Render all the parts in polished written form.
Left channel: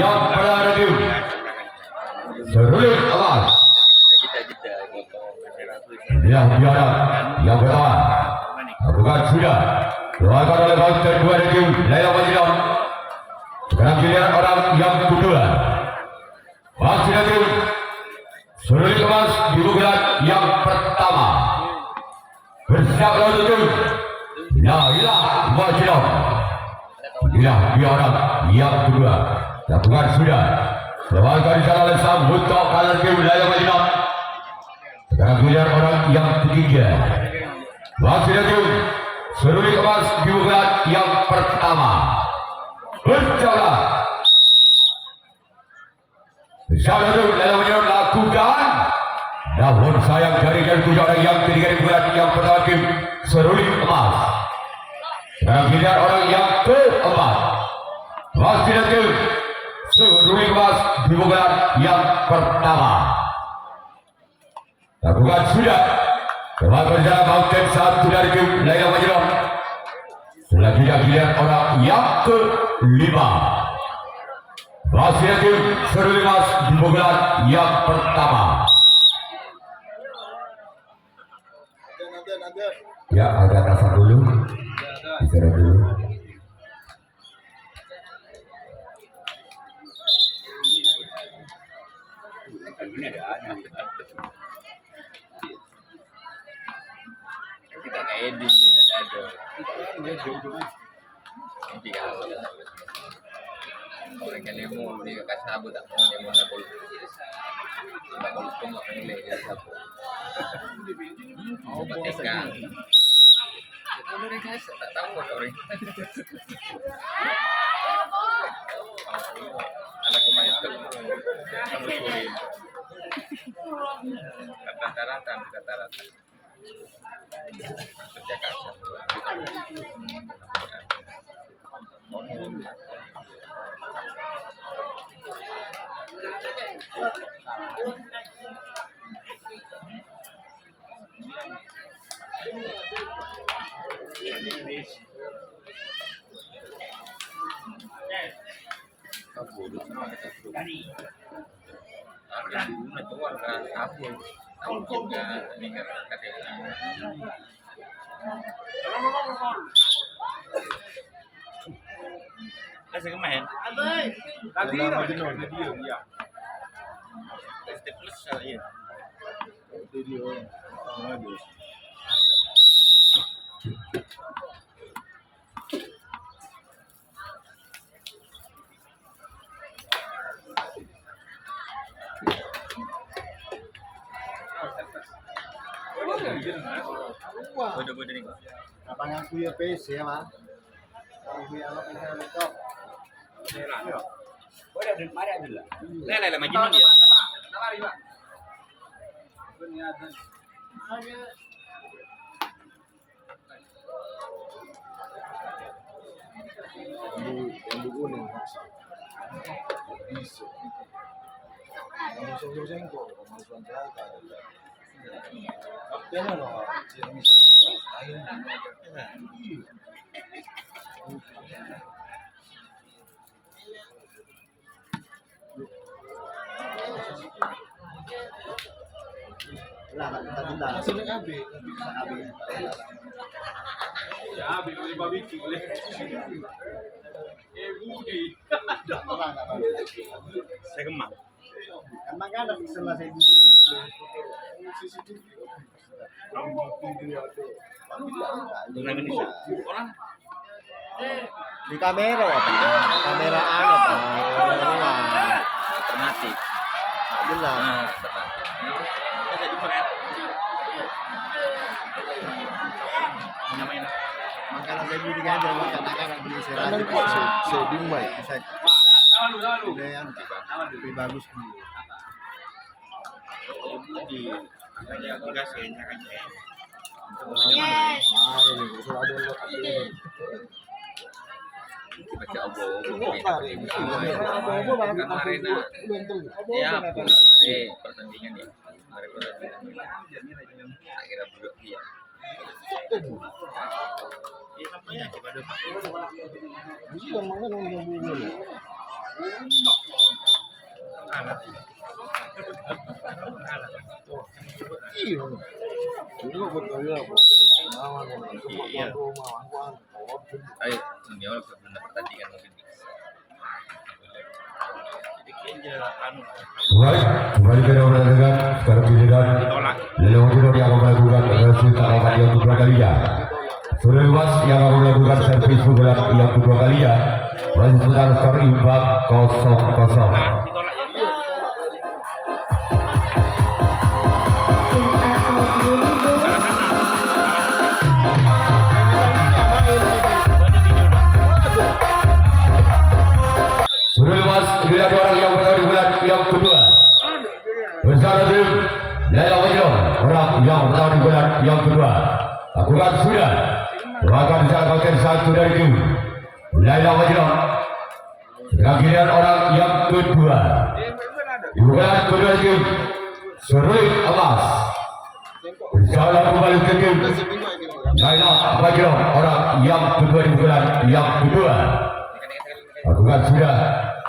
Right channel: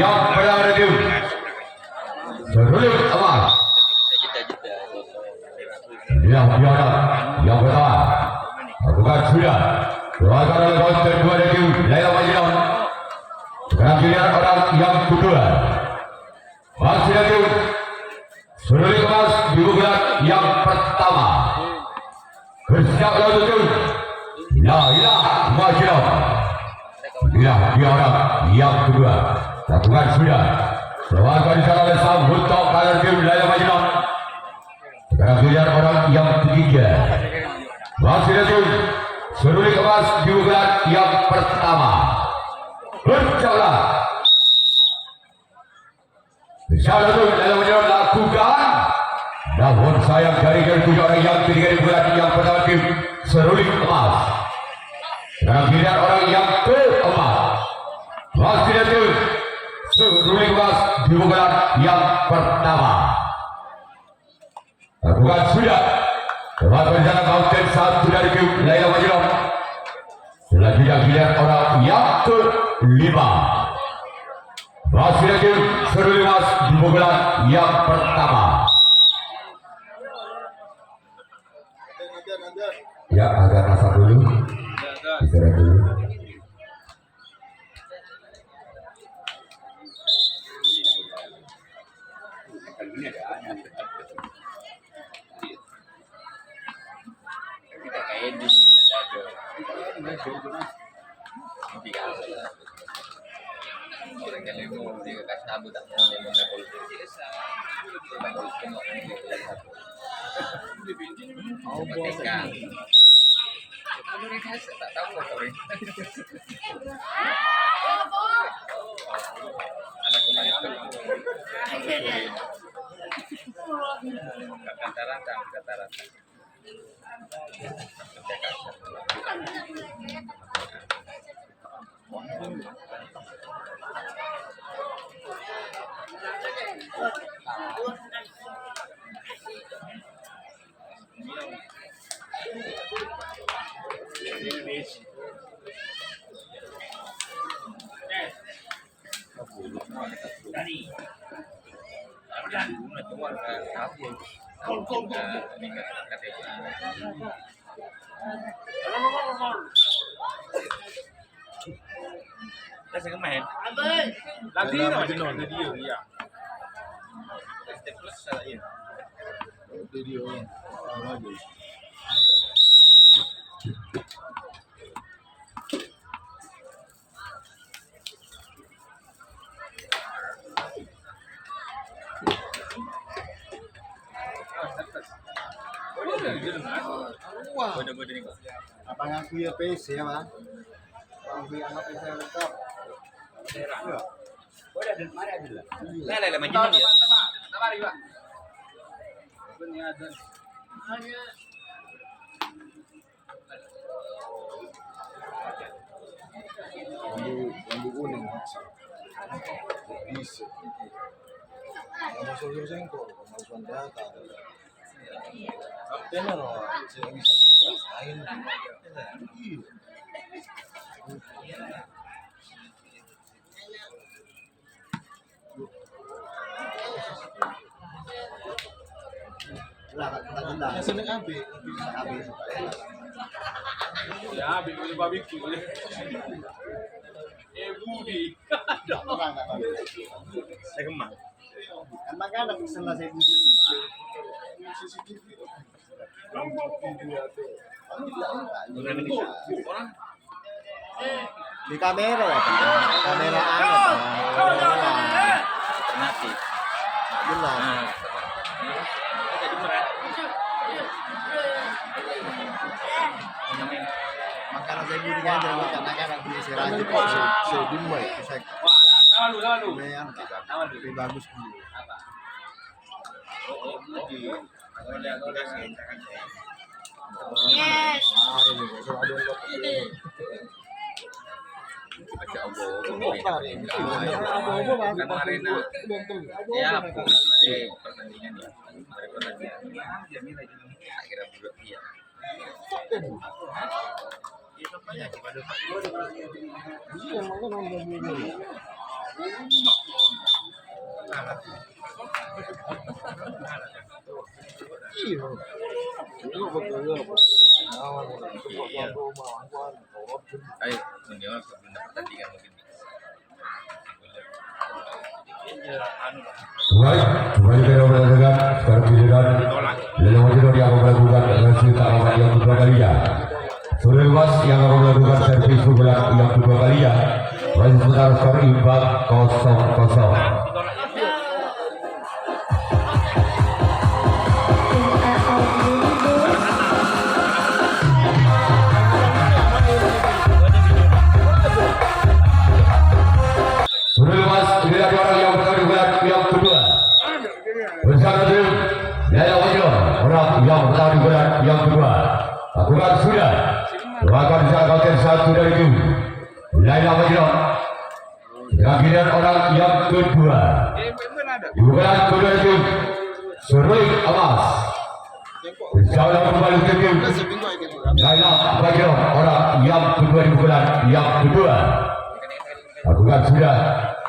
yang berada seruling awal yang biara yang pertama bukan sudah keluarkan oleh bangsa kedua dari Laila Majidam. Sekarang giliran orang yang kedua masih dari seruling emas di bulan yang pertama bersiap lalu Laila Majidam. Biara yang kedua lakukan sudah keluarkan di sana oleh sang untuk kalah tim Laila Majidam. Sekarang giliran orang yang ketiga masih dari seruling emas di bulan yang pertama berjalan bersama Laila Majidam lakukan, namun sayang dari tiga orang yang ketiga di bulan yang pertama tim seruling emas. Sekarang giliran orang yang keempat masih dari seruling emas di bulan yang pertama lakukan sudah telah berjalan konten satu dari tim Laila Majidam. Selanjutnya giliran orang yang kelima masih ada tim seruling emas di bulan yang pertama. Ya, agak rasa dulu, istirahat dulu. Kita kayak di ada orang yang lemo dia kasih sabut tak mau lemo nak pol tak pol pun tak mau lemo sabut pakai kan kalau mereka tak tahu kok orang anak kemarin itu kata-kata saya kemarin lagi no video ya plus saya video lagi Bodoh-bodoh nih kok. Apa ngaku ya PC ya, Mas? Ngaku ya anak PC laptop. Iya. Boleh dan mari adalah. Laila Majidam dia. Mari, Pak. Punya ada. Lambu kuning. Bisa. Kamu sosok sengkok, kamu suandaka. Benar loh, saya bisa ayo. Lah, tadi lah. Sini AB, bisa AB. Ya, AB boleh barbecue boleh. Budi. Saya kemang. Emang kan ada pixel saya Budi. Di kamera apa? Kamera apa? Kamera Alternatif. jelas. Makanan saya Budi kan jadi buat anak-anak beli istirahat kok dimai bisa. Lalu. Lebih bagus dulu. Di makanya aplikasi encak aja. Yes. Baca obo-obo. Kemarin Ya, kemarin pertandingan ya. Kemarin pertandingan. Akhirnya buruk dia. Iya, namanya gimana? Iya, makanya nonton dulu. Ayo, dunia benar pertandingan mungkin. Kembali ke nomor dengan sekarang giliran Lelong Jino yang melakukan reaksi tarakan yang kedua kalinya. Sudah luas yang melakukan servis gerak yang kedua kalinya. Dan sekarang skor imbang 0-0. Sudah lepas dilihat orang yang pertama digelar yang kedua bersama tim Yaya Wajro orang yang pertama digelar yang kedua lakukan sudah lakukan sahabat satu dari tim Yaya Wajro giliran orang yang kedua dibuka kedua dari tim Seruling Amas bersama kembali ke tim Yaya Wajro orang yang kedua dibuka yang kedua lakukan sudah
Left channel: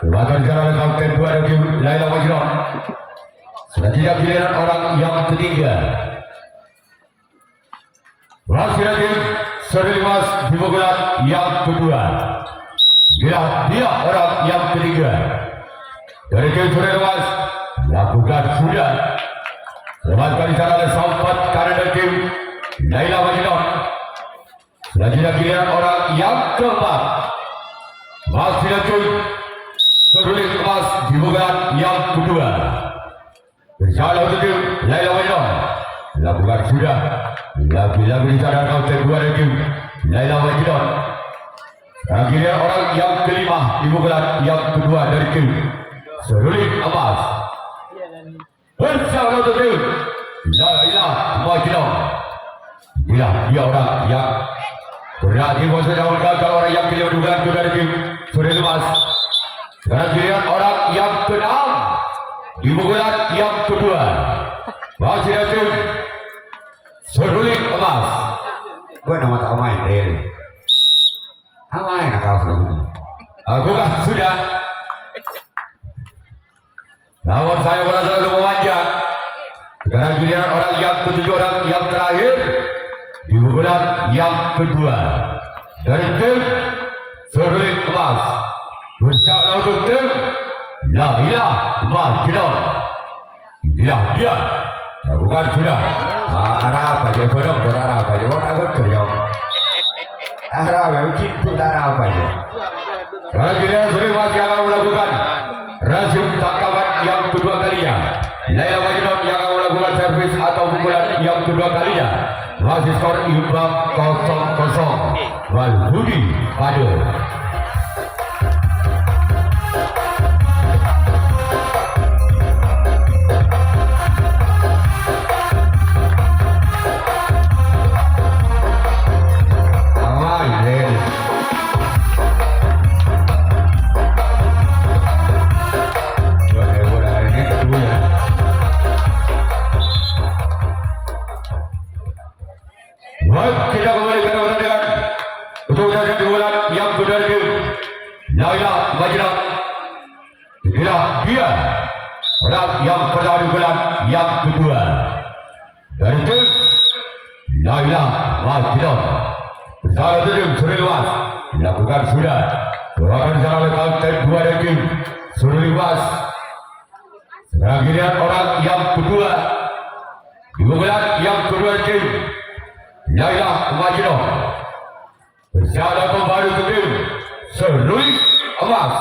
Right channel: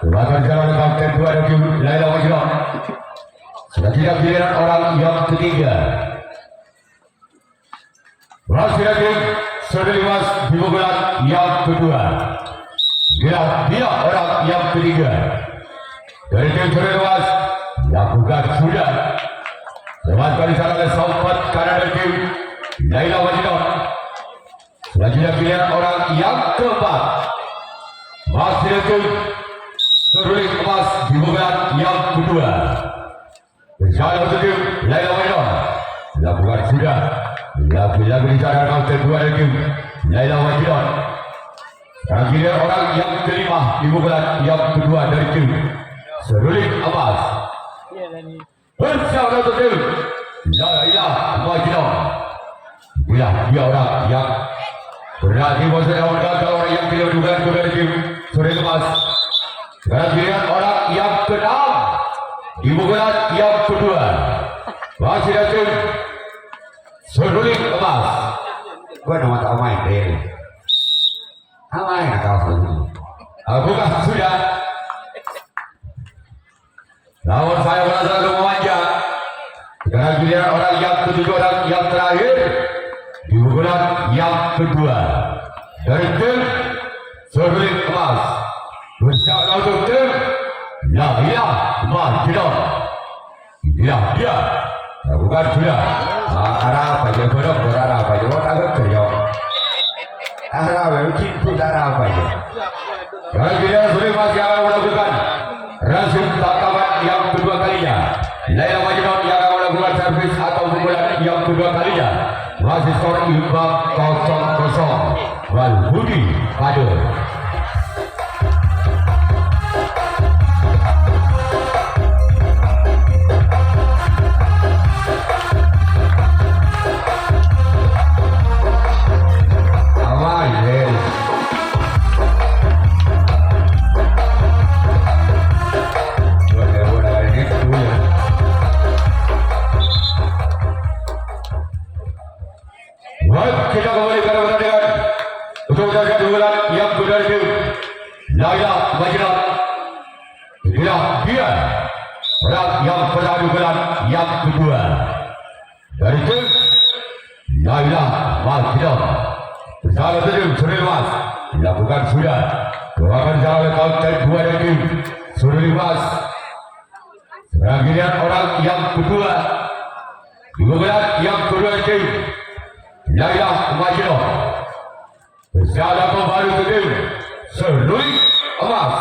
lakukan jalan kapten dua dari Laila Wajro sudah tidak giliran orang yang ketiga masih lagi Serimas dibuka yang kedua dia orang yang ketiga dari tim Serimas lakukan sudah lakukan jalan sampai karena dari tim Laila Wajro sudah tidak giliran orang yang keempat masih lagi Seruling Emas dibuka yang kedua bersama tim Laila Wajro lakukan sudah lagi-lagi dicatat kapten dua dari tim Laila Wajro akhirnya orang yang kelima dibuka yang kedua dari tim Seruling Emas bersama tim Laila Wajro dia orang yang berarti masa dalam gagal orang yang kelima dibuka dari tim Seruling Emas. Dan giliran orang yang keenam dibuka yang kedua masih datang Seruling Emas. Gue nama tak main deh. Apa yang kau sebut? Aku kan sudah. Namun saya merasa memanja. Sekarang giliran orang yang ketujuh orang yang terakhir dibuka yang kedua dari tim Seruling Emas. Bersama untuk tim Laila Wajro dia bukan sudah arah apa ya bodoh arah apa ya orang aku kerja arah apa mungkin pun arah apa ya kalau kita sudah masih akan melakukan rasio tangkapan yang kedua kalinya Laila Wajro yang akan melakukan servis atau pukulan yang kedua kalinya masih skor imbang 0-0 Walhudi Aduh kita kembali ke pertandingan untuk saja diulang yang kedua tim Laila Wajro dia orang yang pernah diulang yang kedua dari tim Laila Wajro bersama tim Seruling Emas dilakukan sudah doakan jalan kapten dua dari tim Seruling Emas. Sekarang giliran orang yang kedua diulang yang kedua tim Laila Wajro bersama kembali ke tim Seruling Emas.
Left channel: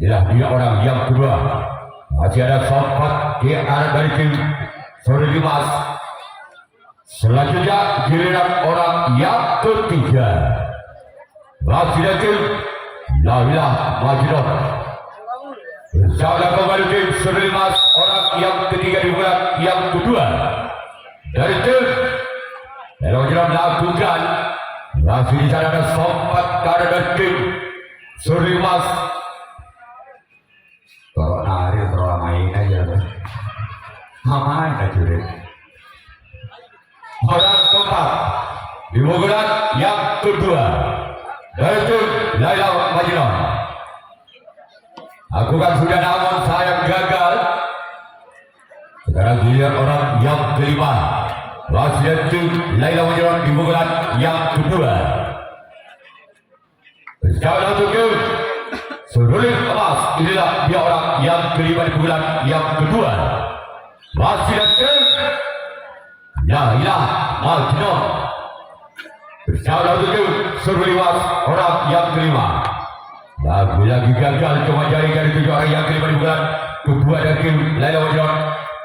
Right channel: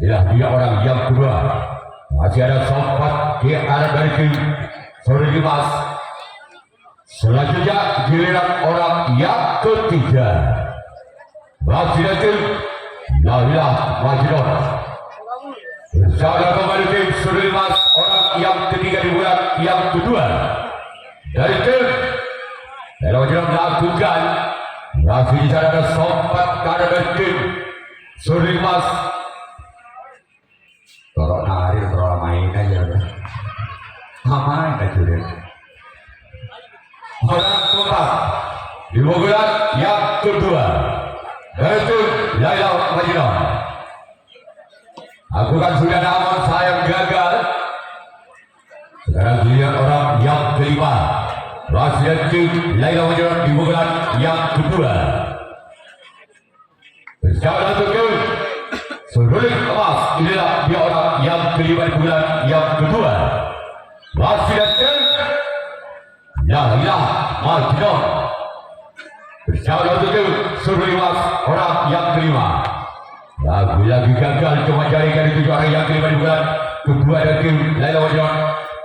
Dia orang yang kedua masih ada sempat di arah dari tim Seruling Emas. Selanjutnya giliran orang yang ketiga masih ada tim Laila Wajro bersama kembali tim Seruling Emas. Orang yang ketiga di bulan yang kedua dari tim Laila Wajro melakukan masih dicatatkan sempat karena dari tim Seruling Emas. Kalau narik terlalu main aja ngapain aja deh. Orang keempat di bulan yang kedua dari tim Laila Wajro Lakukan sudah namun sayang gagal. Sekarang giliran orang yang kelima. Wasiatu Laila Majeron di pukulan yang kedua. Berjalan untuk seruling emas. Inilah dia orang yang kelima di pukulan yang kedua. Wasiatu Laila Majeron. Berjalan untuk seruling emas orang yang kelima. Lagi-lagi gagal cuma jaringan itu orang yang kelima di bulan kedua dan tim Laila Majeron.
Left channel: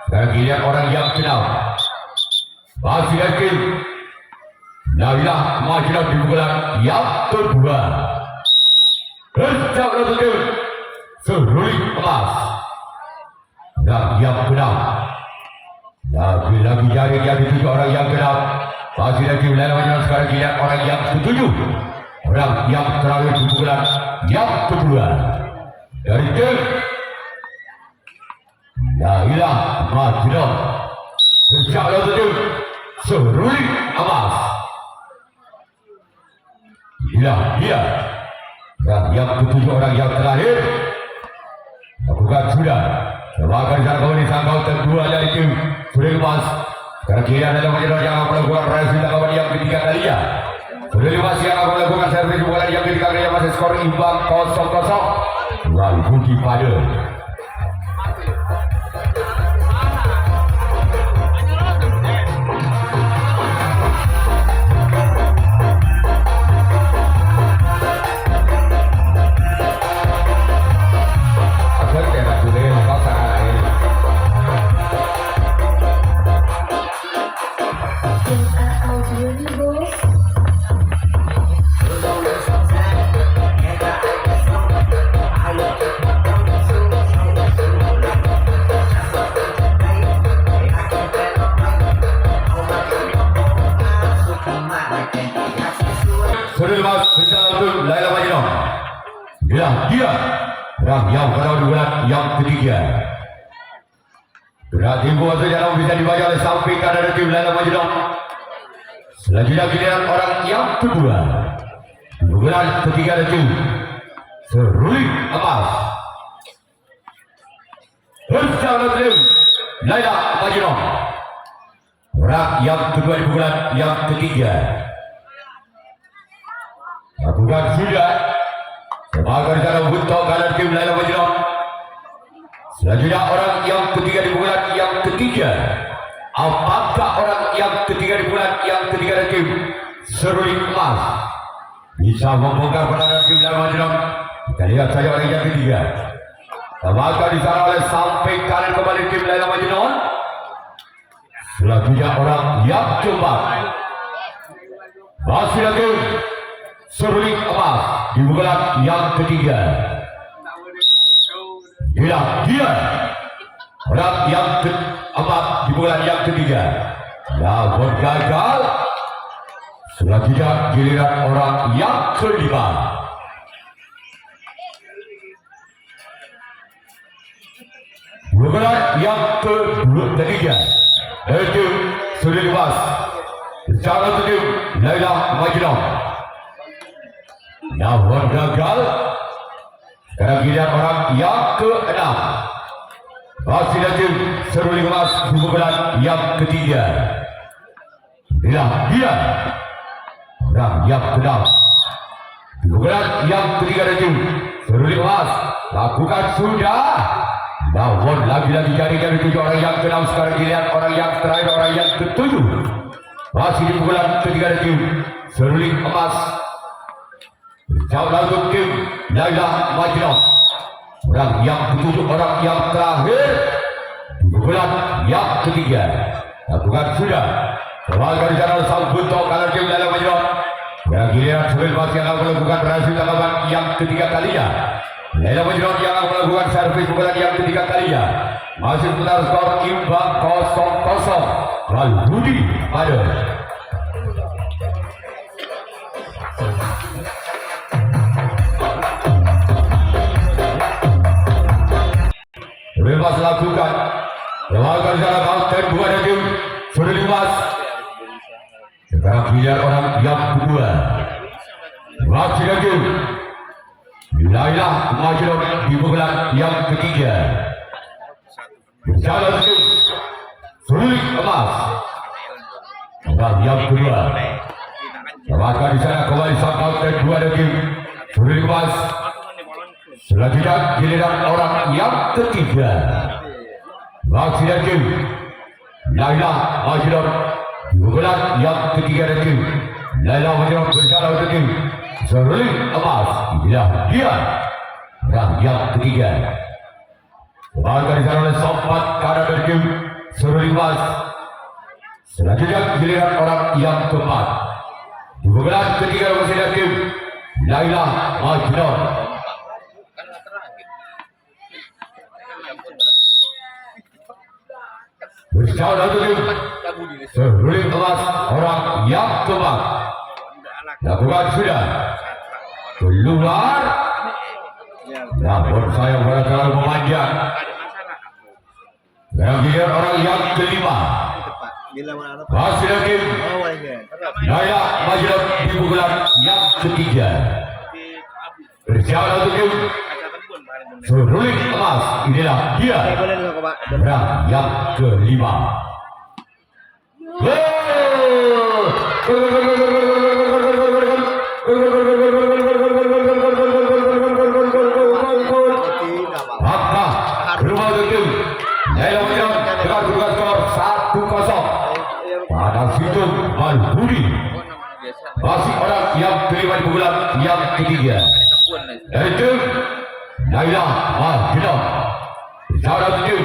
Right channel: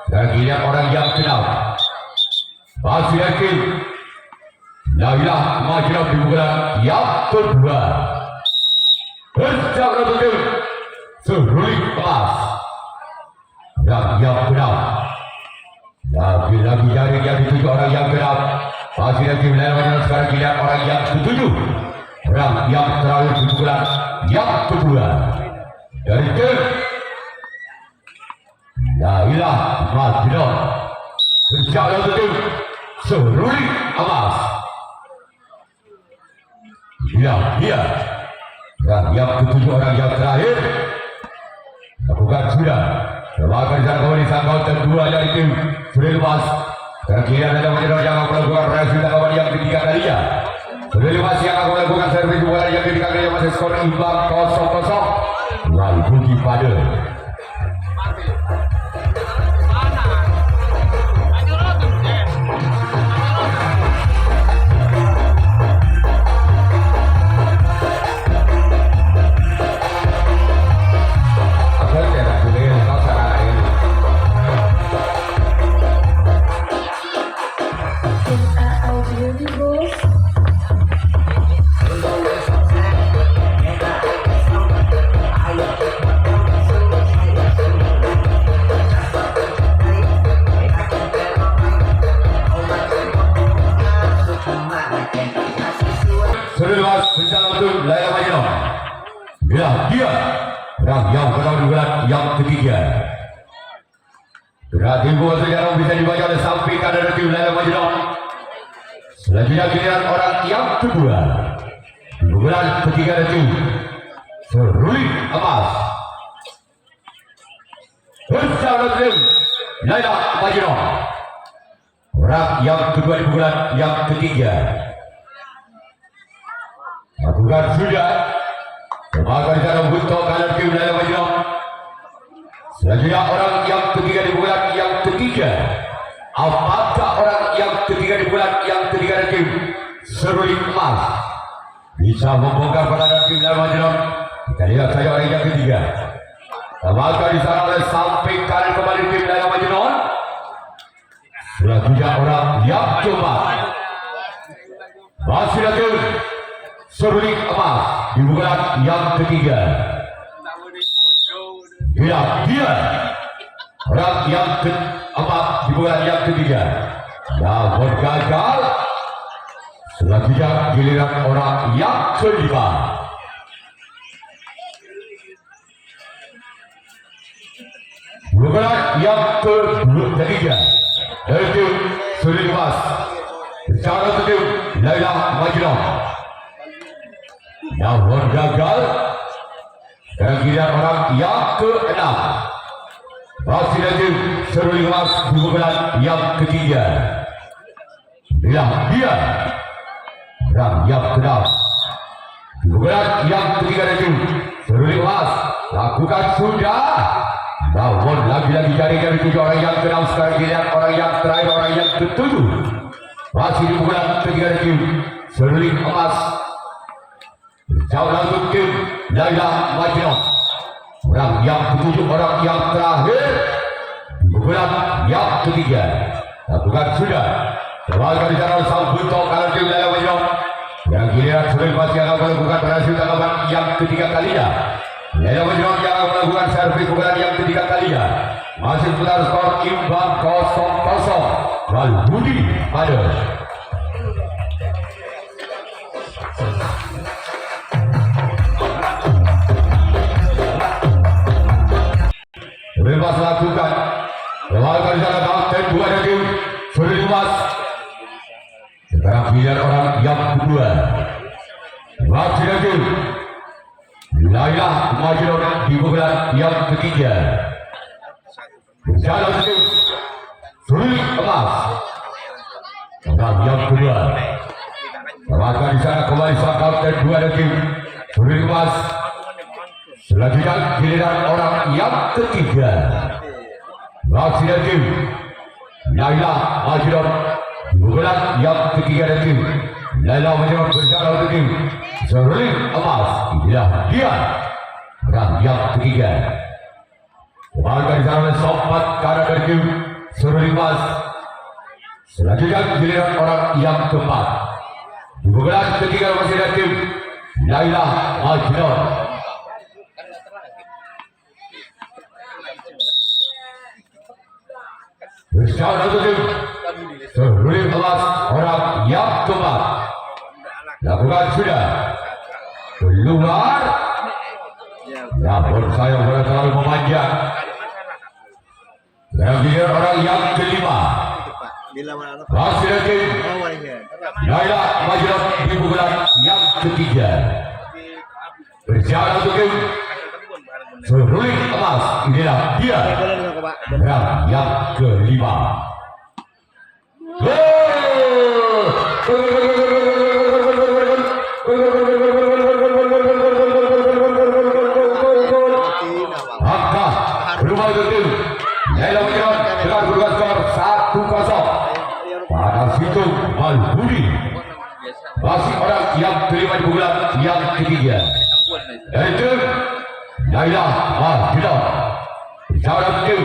Sekarang giliran orang yang keenam. Masih yakin Laila Majeron di bulan yang kedua. Berjalan untuk seruling emas dan yang keenam. Lagi-lagi jaringan itu orang yang keenam. Masih yakin Laila Majeron. Sekarang giliran orang yang ketujuh. Orang yang terakhir di bulan yang kedua dari tim Laila Majeron. Berjalan untuk seruling emas. Dia yang ketujuh orang yang terakhir. Lakukan sudah. Lakukan jalan kembali sangkau kedua dari tim seruling emas. Sekarang kira Laila Majeron yang melakukan resi lawan yang ketiga kalinya. Seruling emas yang akan melakukan servis bola yang ketiga kalinya masih skor imbang 0-0. Lalu Budi pada dia yang kedua di bulan yang ketiga. Berarti gol sejarah bisa dibaca oleh samping kanan tim Laila Majeron. Selanjutnya giliran orang yang kedua di bulan ketiga tim seruling emas. Berjalan tim Laila Majeron. Orang yang kedua di bulan yang ketiga. Lakukan sudah. Sebagai cara untuk kanan tim Laila Majeron. Selanjutnya orang yang ketiga di bulan yang ketiga. Apakah orang yang ketiga di bulan yang ketiga tim seruling emas bisa membongkar kemenangan tim Laila Majeron? Kita lihat saja orang yang ketiga. Apakah disana oleh samping kanan kembali tim Laila Majeron. Selanjutnya orang yang keempat. Masih lagi seruling emas di bulan yang ketiga. Dia orang yang keempat di bulan yang ketiga. Namun gagal. Selanjutnya giliran orang yang kelima. Bulan yang ketiga dari tim seruling emas. Berjalan ke tim Laila Majeron. Namun gagal. Sekarang giliran orang yang keenam. Masih lagi seruling emas di bulan yang ketiga. Dia orang yang keenam di bulan yang ketiga itu seruling emas. Lakukan sudah. Namun lagi-lagi jaringan itu orang yang keenam. Sekarang giliran orang yang terakhir, orang yang ketujuh. Masih di bulan ketiga itu seruling emas. Jauh langsung tim Laila Majeron. Orang yang ketujuh, orang yang terakhir di bulan yang ketiga. Lakukan sudah. Sebagai cara sambut kanan tim Laila Majeron. Dan giliran seruling emas yang akan melakukan berhasil dalam yang ketiga kalinya. Laila Majeron yang akan melakukan servis bulan yang ketiga kalinya. Masih seputar skor imbang 0-0. Lalu Budi pada bebas lakukan. Lakukan secara bangkai dua dari seruling emas. Sekarang giliran orang yang kedua. Masih lagi Laila maju di bulan yang ketiga. Berjalan tim sulit emas. Dan yang kedua, maka di sana kembali satu dan dua tim sulit emas. Selanjutnya giliran orang yang ketiga. Masih tim Laila maju di bulan yang ketiga tim. Laila maju berjalan untuk tim sulit emas. Inilah dia orang yang ketiga. Maka di sana sempat karena tim sulit emas. Selanjutnya giliran orang yang keempat. Di bulan ketiga masih ada tim Laila Majnun. Kan nggak terakhir. Berjalan satu tim sulit emas orang yang keempat. Lakukan sudah keluar. Namun saya bakal memanjang. Dan biar orang yang kelima. Bila mana Pak? Masih lagi Oh, wajah. Laila Majnun di bulan yang ketiga. Berjalan satu tim sulit emas. Inilah dia Oke, boleh dong Pak. orang yang kelima. Tidak Pak. Maka rumah itu Laila Majnun dengan kedudukan skor 1-0. Pada situ Malbudi Biasa. masih orang yang kelima di bulan yang ketiga. Sabuan nih. Yaitu Laila Majnun. Bicara itu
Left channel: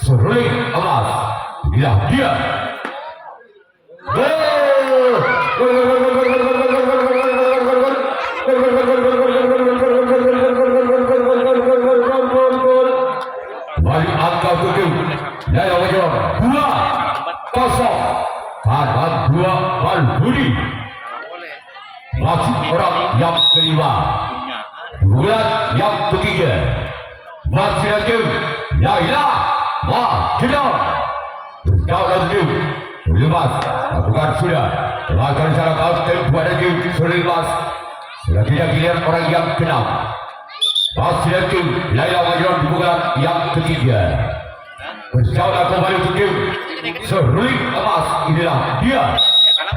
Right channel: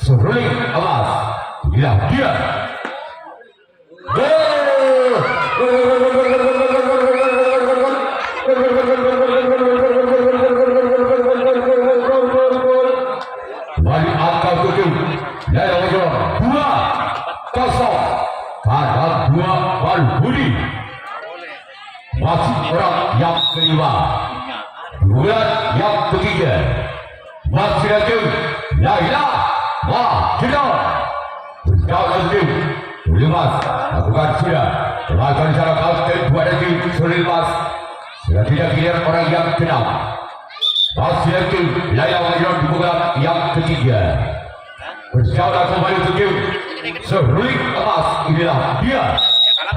sulit emas. Inilah dia. Balik angka 7 Laila Majnun 2-0 karena 2 Malbudi. Masih orang yang kelima bulan yang ketiga. Masih lagi Laila Majnun. Berjalan tim Sulimas lakukan sudah melakukan secara kapten dua tim Sulimas. Selanjutnya giliran orang yang keenam. Masih lagi Laila Majnun di bulan yang ketiga. Berjalan kembali ke tim Sulit emas. Inilah dia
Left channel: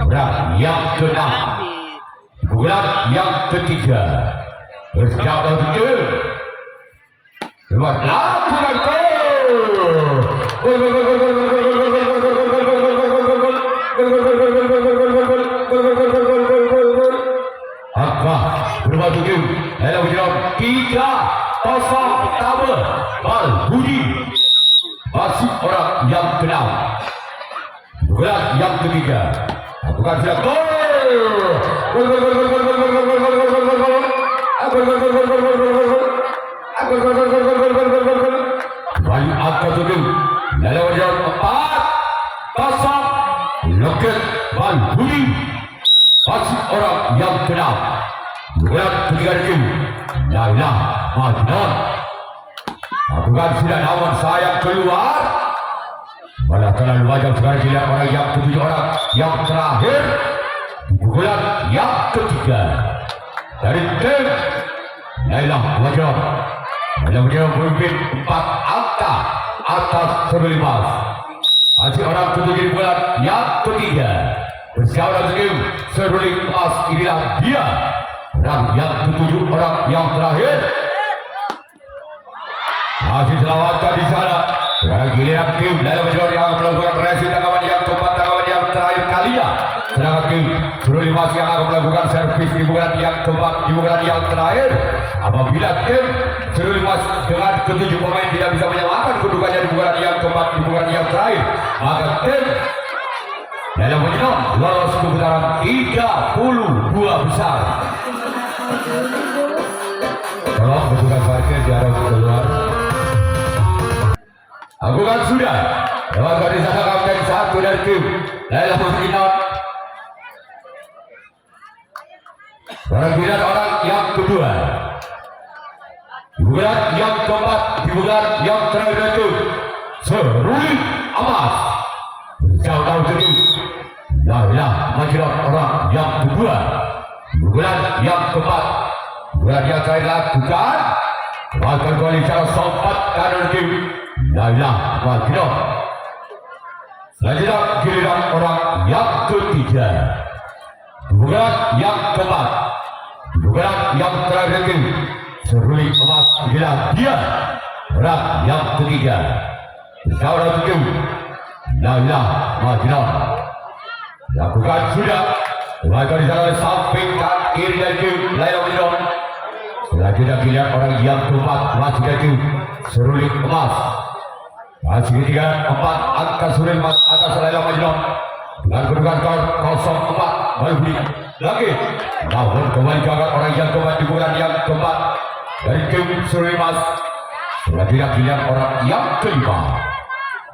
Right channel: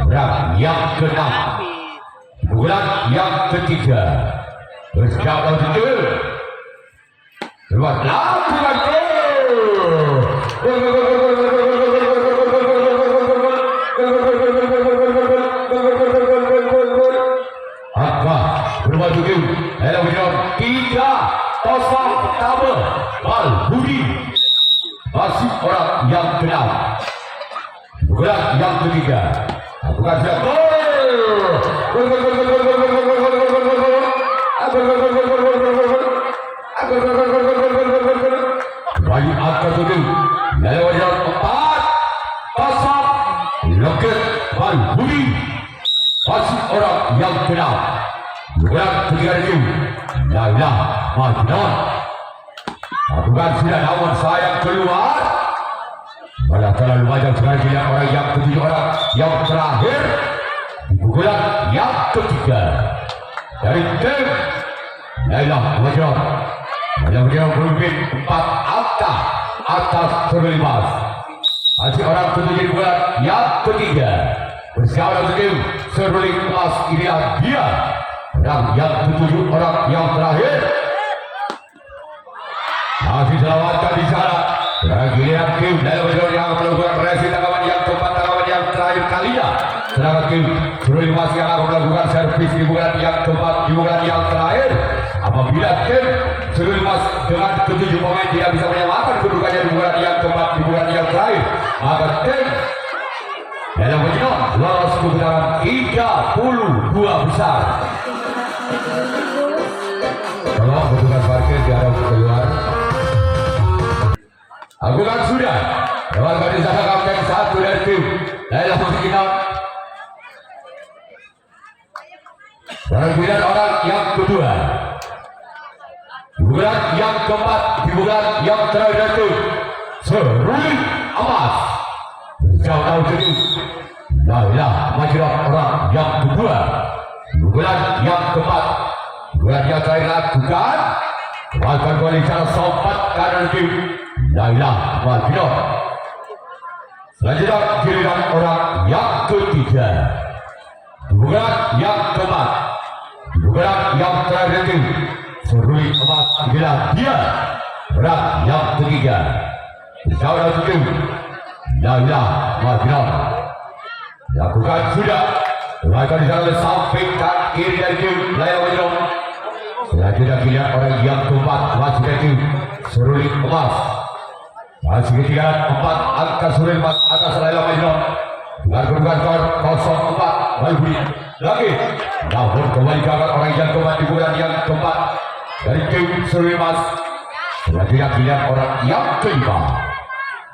orang yang keenam bulan yang ketiga. Berjalan ke tim lakukan bermaju tim Laila Majnun 3-0 tabel Malbudi. Masih orang yang keenam bulan yang ketiga. Bukan siap Bayu angka 7 Laila Majnun 4-0 Loket Malbudi. Masih orang yang keenam bulan ketiga tim Laila Majnun. Bukan sudah namun sayang keluar. Pada terlalu banyak sekali tidak orang yang ketujuh orang yang terakhir di bulan yang ketiga dari tim Laila Majnun. Laila Majnun memimpin 4 angka atas Sulimas. Masih orang ketujuh di bulan yang ketiga. Berjalan tim Sulit emas. Inilah dia orang yang ketujuh orang yang terakhir. Masih selamatkan di sana. Dan giliran tim Laila Majnun yang melakukan resi tanggapan yang keempat, tanggapan yang terakhir kalinya. Sedangkan tim Sulimas yang akan melakukan servis di bulan yang keempat, di bulan yang terakhir. Apabila tim Sulimas dengan ketujuh pemain tidak bisa menyamakan kedudukannya di bulan yang keempat, di bulan yang terakhir, maka tim Laila Majnun lolos ke putaran 32 besar. Tolong petugas parkir jarang keluar. Lakukan sudah. Lakukan di sana kapten 1 dari tim Laila Majnun. Dan giliran orang yang kedua. Di bulan yang keempat, di bulan yang terakhir itu Sulit emas. Jauh tim Laila Majnun orang yang kedua. Di bulan yang keempat, bulan yang terakhir lakukan Bahkan kembali secara sempat kanan tim Laila Magno. Selanjutnya giliran orang yang ketiga. Bukan yang keempat. Bukan yang terakhir tim Seruli emas giliran dia. Orang yang ketiga. Bersama tim Laila Magno. Lakukan sudah. Lakukan jalan sampingkan kiri dari tim Laila Magno. Selanjutnya giliran orang yang keempat masih dari Seruli emas. Masih ketiga 4 angka Seruli emas atas Laila Magno. Dengan kedudukan 04 Malbi lagi. Namun kembali ke arah orang yang keempat di bulan yang keempat dari tim Seruli emas. Selanjutnya giliran orang yang kelima.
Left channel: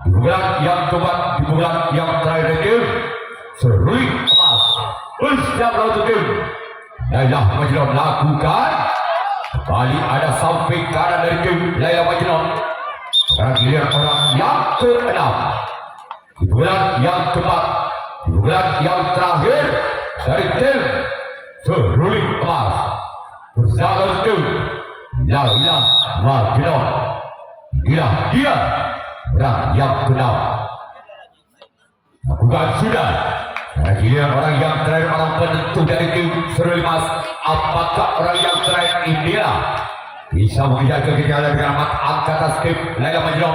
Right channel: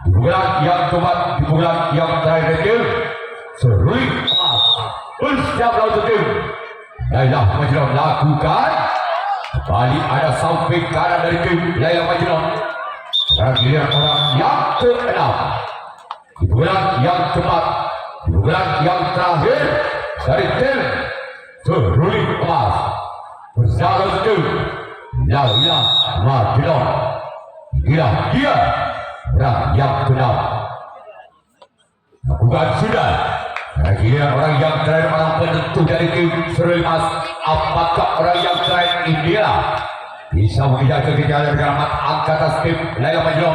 Di bulan yang keempat di bulan yang terakhir dari tim Seruli emas. Bersiap lawan tim Laila Magno lakukan. Kembali ada samping kanan dari tim Laila Magno. Sekarang giliran orang yang ke-6. Di bulan yang keempat, di bulan yang terakhir dari tim Seruli emas. Bersama tim Laila Magno. Dia orang yang ke-6. Bukan sudah. Sekarang giliran orang yang terakhir orang penentu dari tim Seruli emas. Apakah orang yang terakhir India bisa mengejar kekejaran dengan angka atas tim Laila Magno?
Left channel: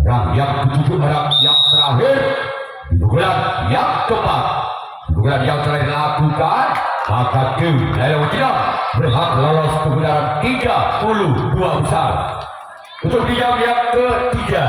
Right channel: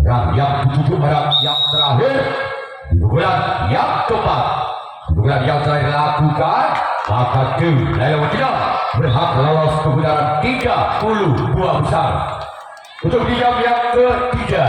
Orang yang ketujuh, orang yang terakhir di bulan yang keempat, di bulan yang terakhir lakukan, maka tim Laila Magno berhak lolos ke putaran 32 besar. Untuk di jam yang ketiga